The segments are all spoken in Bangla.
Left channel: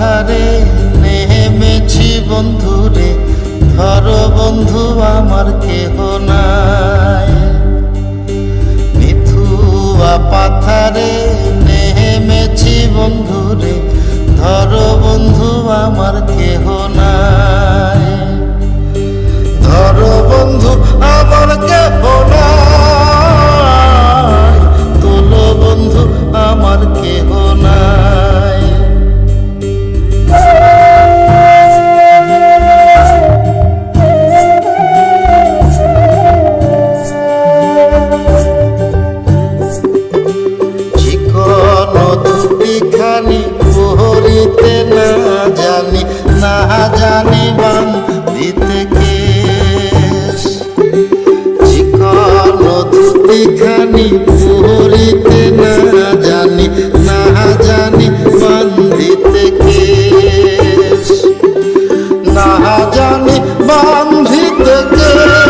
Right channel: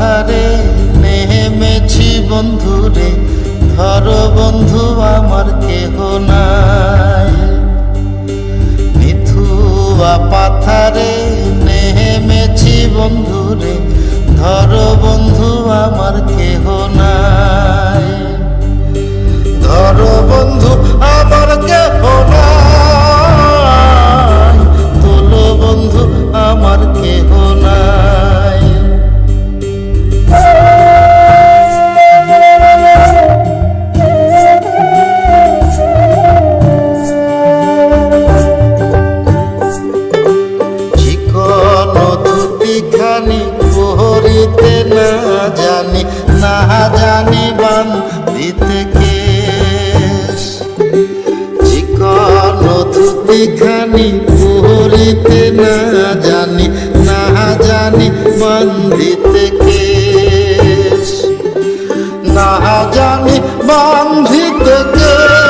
পাথারে নেমেছি বন্ধুরে, ধর বন্ধু আমার কেহ নাই। মিথুয়া পাথারে নেমেছি বন্ধুরে, ধর বন্ধু আমার কেহ নাই। ধর বন্ধু আমার কেহ না জানি বান দিতে কেশ চিকন না জানি না জানি বান কেশ না জানি বান্ধিতে কেশ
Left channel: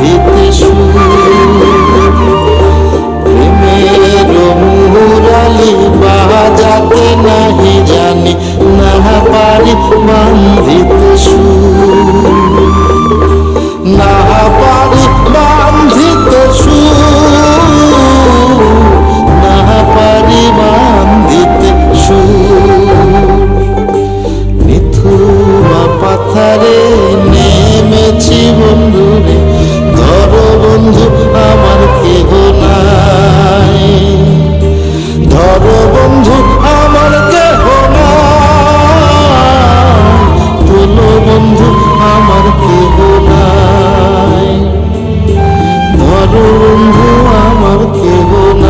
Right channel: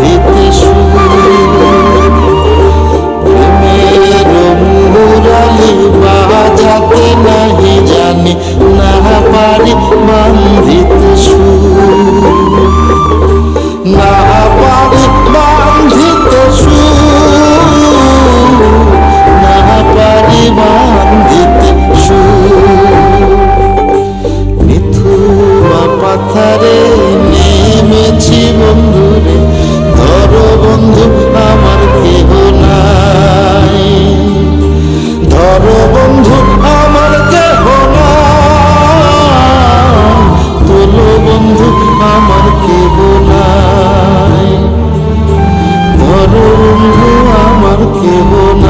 সুর প্রেমের মুরালি বাজাতে নাহি জানি, না পারি বান্ধিতে সুর না পারি বান্ধিতে সুর না পারি বান্ধিতে সুর মিথুয়া পাথারে ধর বন্ধু আমার দেহ না তোলো বন্ধু আমার কেহ নাই। ধরো বন্ধু আমার কেহ নাই